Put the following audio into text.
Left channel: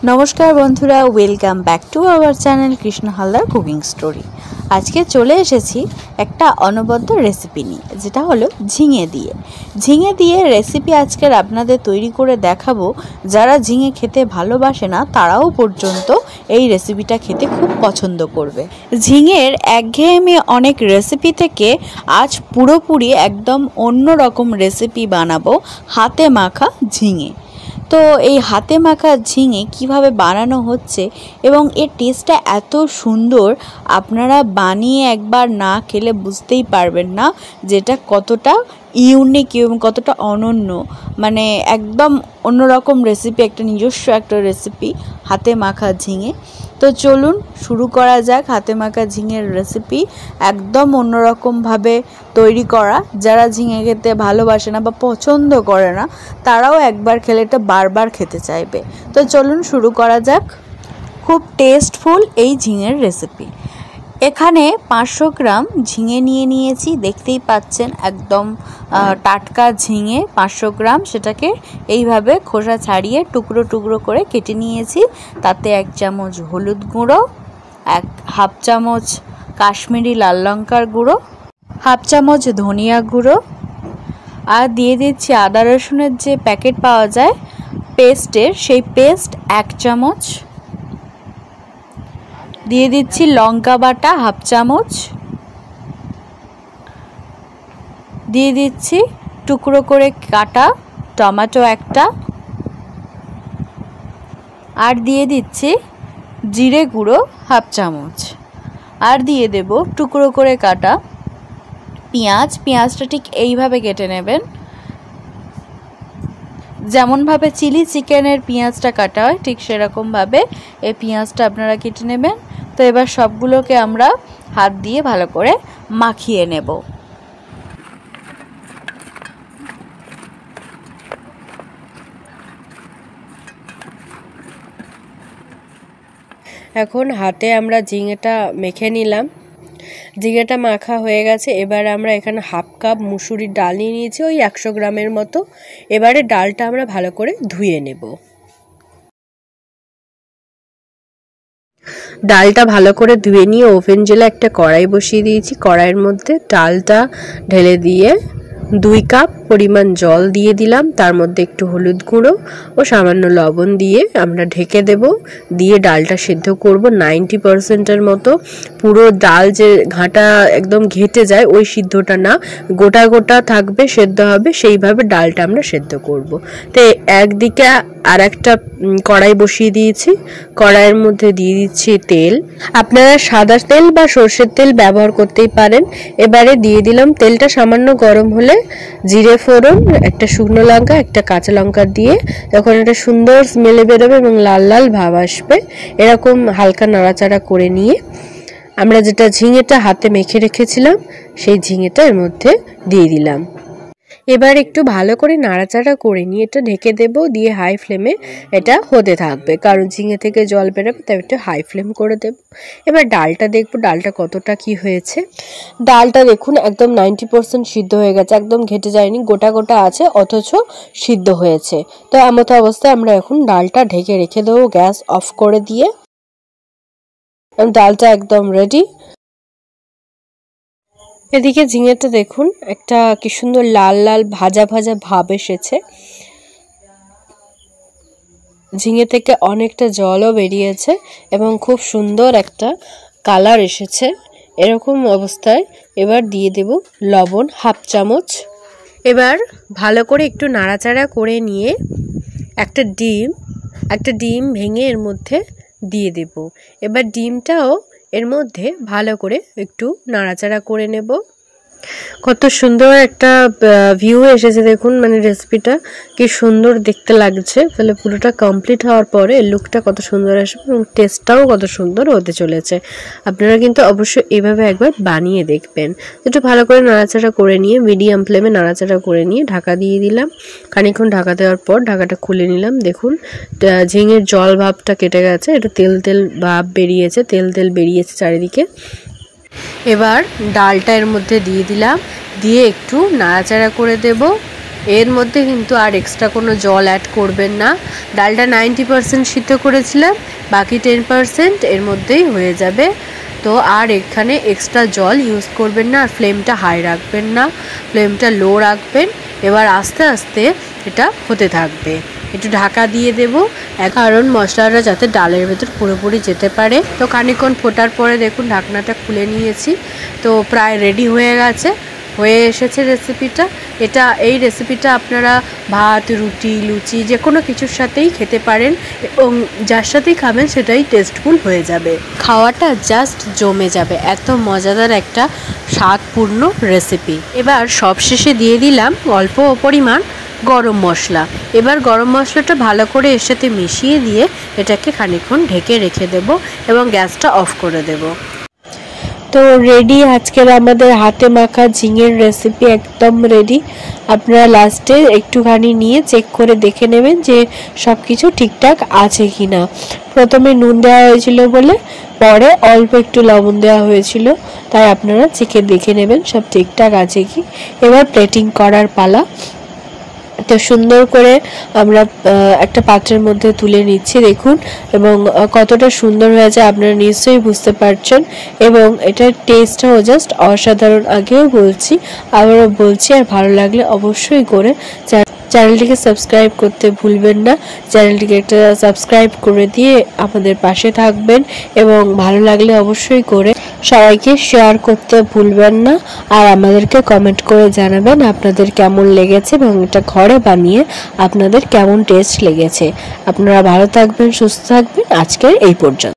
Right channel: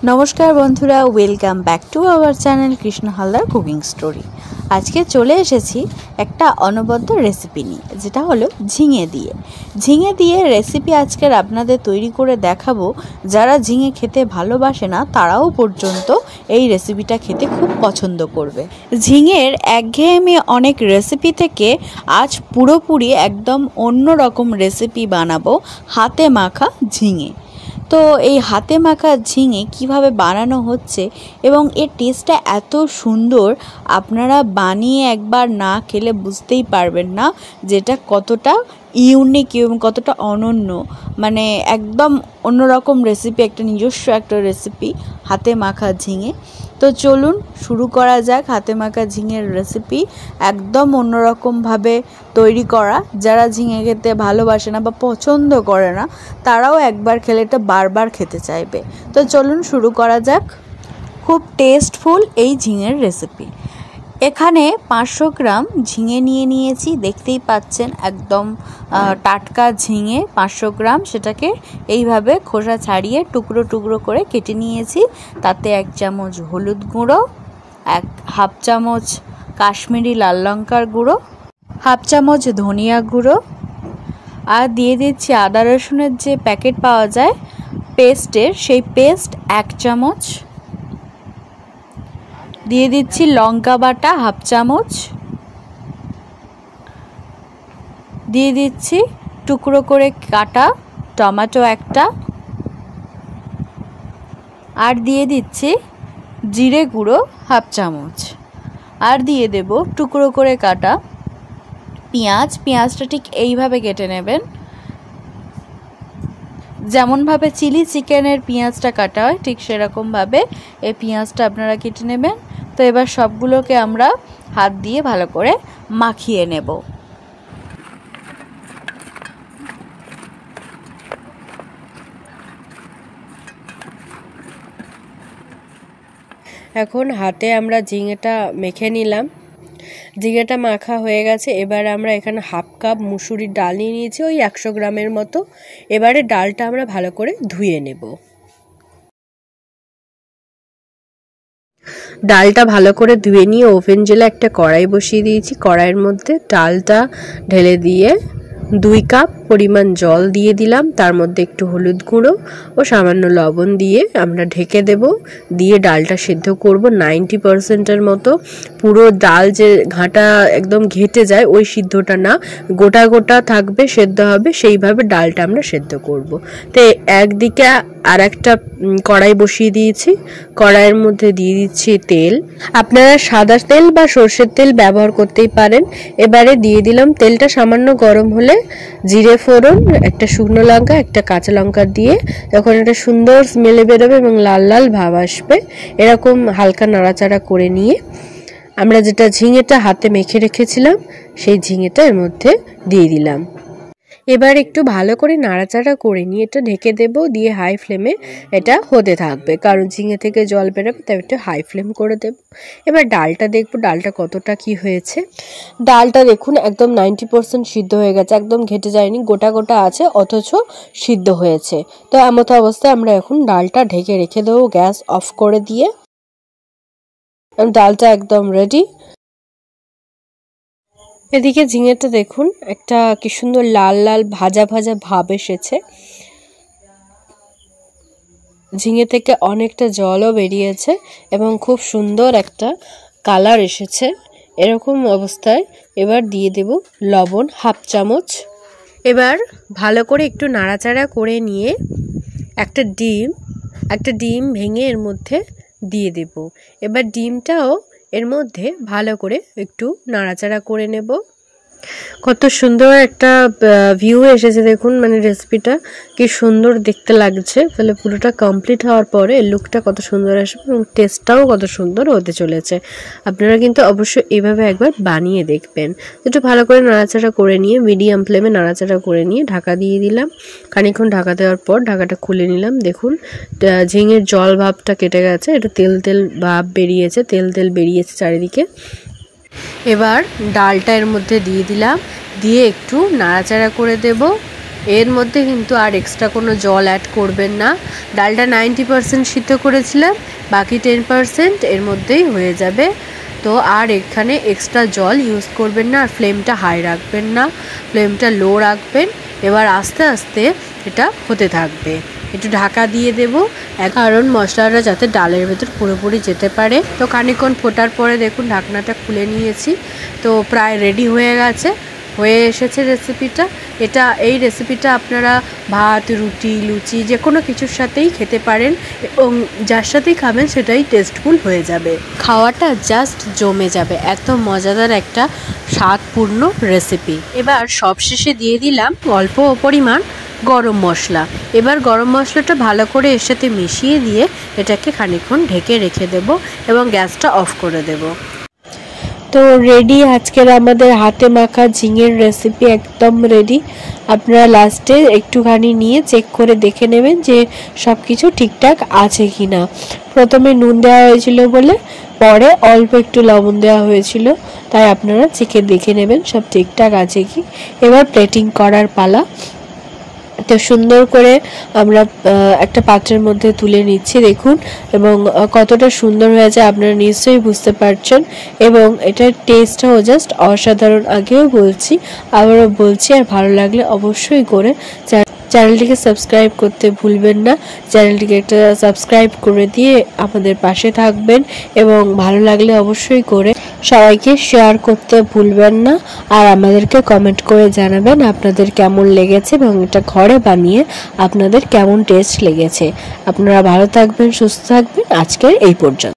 नमस्कार बंधुरा welcome back to our channel Krishna Haldar cooking story. आज के चले एसेছি একটা অনবদ্য রেসিপি নিয়ে, যেটা হলো ঝিঙে দিয়ে রেসিপি আজকের আপনাদের তৈরি করে দেখাবো। যারা ঝিঙে খেতে ভালোবাসে না তারাও পর্যন্ত এই রেসিপিটা খেতে খুব পছন্দ করবে। ঝিঙের একঘেয়েমি অনেক রেসিপি থেকে আজ পুরোপুরি একদম অন্য রকম রেসিপি বানাবো, হাতে মাখা ঝিঙে। তো এই হাতে মাখা ঝিঙে কিভাবে বানানো হচ্ছে এবং এর টেস্টটা এত সুন্দর, আপনারা বানিয়ে একবার না খেলে বুঝতেই পারবেন না যেটা কতটা ইউনিক এবং কতটা অনন্য, মানে একদম অন্যরকম রেসিপি, একটা নিজস্ব একটা রেসিপি হাতে মাখা ঝিঙে। তো চলুন শুরু করা যাক হাতে মাখা ঝিঙের রেসিপি, একদম অন্যরকমভাবে তৈরি করা। যারা ঝিঙে খেতে ভালোবাসে না বা পছন্দ করে না তারাও একবার খেলে এটা বারবার খেতে চাইবে। তো চলুন শুরু করা যাক খুব টেস্টফুল এই ঝিঙের রেসিপি। এখানে 500 গ্রাম ঝিঙে নিয়েছি, দেখতেই পাচ্ছেন একদম টাটকা ঝিঙে 500 গ্রাম। সেটাকে এইভাবে খোসা ছাড়িয়ে টুকরো টুকরো করে কেটে নিয়েছি। তাতে 1 চামচ হলুদ গুঁড়ো, 1/2 চামচ কাশ্মীরি লাল লঙ্কার গুঁড়ো, 1/2 চামচ ধনিয়া গুঁড়ো, আর দিয়ে দিচ্ছি আদা রসুনের যে প্যাকেট পাওয়া যায় পেস্টের, সেই পেস্ট 1 চামচ, দিয়ে দিচ্ছি লঙ্কা বাটা 1/2 চামচ, দিয়ে দিচ্ছি টুকরো করে কাটা টমেটো একটা, আর দিয়ে দিচ্ছি জিরে গুঁড়ো 1/2 চামচ, আর দিয়ে দেব টুকরো করে কাটা পেঁয়াজটা ঠিক এইভাবে কেটে নেবেন, যেমনভাবে চিলি চিকেনের পেঁয়াজটা কাটা হয় ঠিক সেরকমভাবে এই পেঁয়াজটা আপনারা কেটে নেবেন। তো এবার সবগুলোকে আমরা হাত দিয়ে ভালো করে মাখিয়ে নেব। এখন হাতে আমরা ঝিঙেটা মেখে নিলাম, ঝিঙেটা মাখা হয়ে গেছে। এবার আমরা এখানে 1/2 কাপ মুসুরির ডাল নিয়ে নিয়েছি, ওই 100 গ্রামের মতো। এবারে ডালটা আমরা ভালো করে ধুয়ে নেব। ডালটা ভালো করে ধুয়ে নিয়ে ওভেন জেলে একটা কড়াই বসিয়ে দিয়েছি। কড়াইয়ের মধ্যে ডালটা ঢেলে দিয়ে 2 কাপ পরিমাণ জল দিয়ে দিলাম, তার মধ্যে একটু হলুদ গুঁড়ো ও সামান্য লবণ দিয়ে আমরা ঢেকে দেব। দিয়ে ডালটা সেদ্ধ করব 90%-এর মতো। পুরো ডাল যে ঘাঁটা একদম ঘেটে যায় ওই সিদ্ধটা না, গোটা গোটা থাকবে, সেদ্ধ হবে, সেইভাবে ডালটা আমরা সেদ্ধ করব। তো একদিকে আর একটা কড়াই বসিয়ে দিয়েছি, কড়াইয়ের মধ্যে দিয়ে দিচ্ছি তেল। আপনারা সাদা তেল বা সরষের তেল ব্যবহার করতেই পারেন। এবারে দিয়ে দিলাম, তেলটা সামান্য গরম হলে জিরে ফোড়ন, একটা শুকনো লঙ্কা, একটা কাঁচা লঙ্কা দিয়ে যখন একটা সুন্দর স্মেলে বেরোবে এবং লাল লাল ভাব আসবে, এরকম হালকা নাড়াচাড়া করে নিয়ে আমরা যেটা ঝিঙেটা হাতে মেখে রেখেছিলাম সেই ঝিঙেটা এর মধ্যে দিয়ে দিলাম। এবার একটু ভালো করে নাড়াচাড়া করে নিয়ে এটা ঢেকে দেব, দিয়ে হাই ফ্লেমে এটা হতে থাকবে, কারণ ঝিঙে থেকে জল বেরোবে, তাই একটু হাই ফ্লেম করে দেব। এবার ডালটা দেখব ডালটা কতটা কি হয়েছে। ডালটা দেখুন একদম 90% সিদ্ধ হয়ে গেছে, একদম ঘেটে যায়নি, গোটা গোটা আছে অথচ সিদ্ধ হয়েছে। তো এমতো অবস্থায় আমরা এখন ডালটা ঢেকে রেখে দেবো গ্যাস অফ করে দিয়ে। ডালটা একদম রেডি। এদিকে ঝিঙেটা দেখুন একটা কি সুন্দর লাল লাল ভাজা ভাজা ভাব এসেছে, ঝিঙে থেকে অনেকটা জলও বেরিয়েছে এবং খুব সুন্দর একটা কালার এসেছে। এরকম অবস্থায় এবার দিয়ে দেব লবণ 1/2 চামচ। এবার ভালো করে একটু নাড়াচাড়া করে নিয়ে একটা ডিম ভেঙে এর মধ্যে দিয়ে দেব। এবার ডিমটাও এর মধ্যে ভালো করে একটু নাড়াচাড়া করে নেব। কত সুন্দর একটা ভিউ এসেছে দেখুন, মানে রেসিপিটা কি সুন্দর দেখতে লাগছে। তাহলে পুরোটা কমপ্লিট হওয়ার পরে লুকটা কত সুন্দর আসবে এবং টেস্টটাও কত সুন্দর হতে চলেছে। আপনারা কিন্তু অবশ্যই এভাবে একবার বানিয়ে দেখবেন। একটু ভালো করে নাড়াচাড়া করে নিয়ে মিডিয়াম ফ্লেমে নাড়াচাড়া করে নিয়ে ঢাকা দিয়ে দিলাম। খানিকক্ষণ ঢাকা দেওয়ার পর ঢাকাটা খুলে নিলাম। দেখুন ঝিঙের জল ভাবটা কেটে গেছে, এটা তেল তেল ভাব বেরিয়েছে, তেল তেল বেরিয়েছে চারিদিকে। এবার ডালটা এর মধ্যে দিয়ে দিলাম, দিয়ে একটু নাড়াচাড়া করে দেব। এর মধ্যে কিন্তু আর এক্সট্রা কোনো জল অ্যাড করবেন না। ডালটা 90% সিদ্ধ করেছিলাম, বাকি 10% এর মধ্যেই হয়ে যাবে। তো আর এখানে এক্সট্রা জল ইউজ করবেন না, আর ফ্লেমটা হাই রাখবেন না, ফ্লেমটা লো রাখবেন। এবার আস্তে আস্তে এটা হতে থাকবে। একটু ঢাকা দিয়ে দেব, কারণ মশলাটা যাতে ডালের ভেতর পুরোপুরি যেতে পারে। তো খানিকক্ষণ ফোটার পরে দেখুন ঢাকনাটা খুলে নিয়েছি, তো প্রায় রেডি হয়ে গেছে, হয়ে এসেছে রেসিপিটা। এই রেসিপিটা আপনারা ভাত, রুটি, লুচি যে কোনো কিছুর সাথেই খেতে পারেন, এবং যার সাথেই খাবেন সেটাই টেস্টফুল হয়ে যাবে। খাওয়াটা জাস্ট জমে যাবে, এত মজাদার একটা স্বাদপূর্ণ রেসিপি। এবার সবশেষে দিয়ে দিলাম অল্প পরিমাণ গরম মশলা। এবার গরম মশলাটা ভালো করে এর সাথে মিশিয়ে দিয়ে এটাকে খানিকক্ষণ ঢেকে রেখে দেব এবং গ্যাসটা অফ করে দেব। তো রেডি আজকের আমাদের হাতে মাখা ঝিঙের রেসিপি, একদম রেডি। আপনারা লাস্টে একটুখানি নিয়ে চেক করে দেখে নেবেন যে সব কিছু ঠিকঠাক আছে কিনা। প্রথমে নুন দেওয়া হয়েছিল বলে পরে অল্প একটু লবণ দেওয়া হয়েছিল, তাই আপনারা চেখে দেখে নেবেন সব ঠিকঠাক আছে কি। এবার প্লেটিং করার পালা। তো সুন্দর করে আমরা একটা পাত্রের মধ্যে তুলে নিচ্ছি দেখুন, এবং কতটা সুন্দর হয়েছে আপনারা নিশ্চয়ই বুঝতে পারছেন। এবং এটার টেস্টটাও জাস্ট অসাধারণ। আগেও বলছি, আবারও বলছি, আর ভালো লাগলে অবশ্যই করে চ্যানেলটিকে সাবস্ক্রাইব করতে ভুলবেন না। চ্যানেলটিকে একটা সাবস্ক্রাইব করে দিয়ে আমাদের পাশে থাকবেন, এবং ভালো লাগলে অবশ্যই করে সবাইকে শেয়ার করতে ভুলবেন না। আর আমাদেরকে কমেন্ট করে জানাবেন আপনাদের কেমন লেগেছে এবং এটা ঘরে বানিয়ে আপনাদের কেমন টেস্ট লেগেছে। আপনারা ভালো থাকবেন, সুস্থ থাকবেন। আজকের এই পর্যন্ত।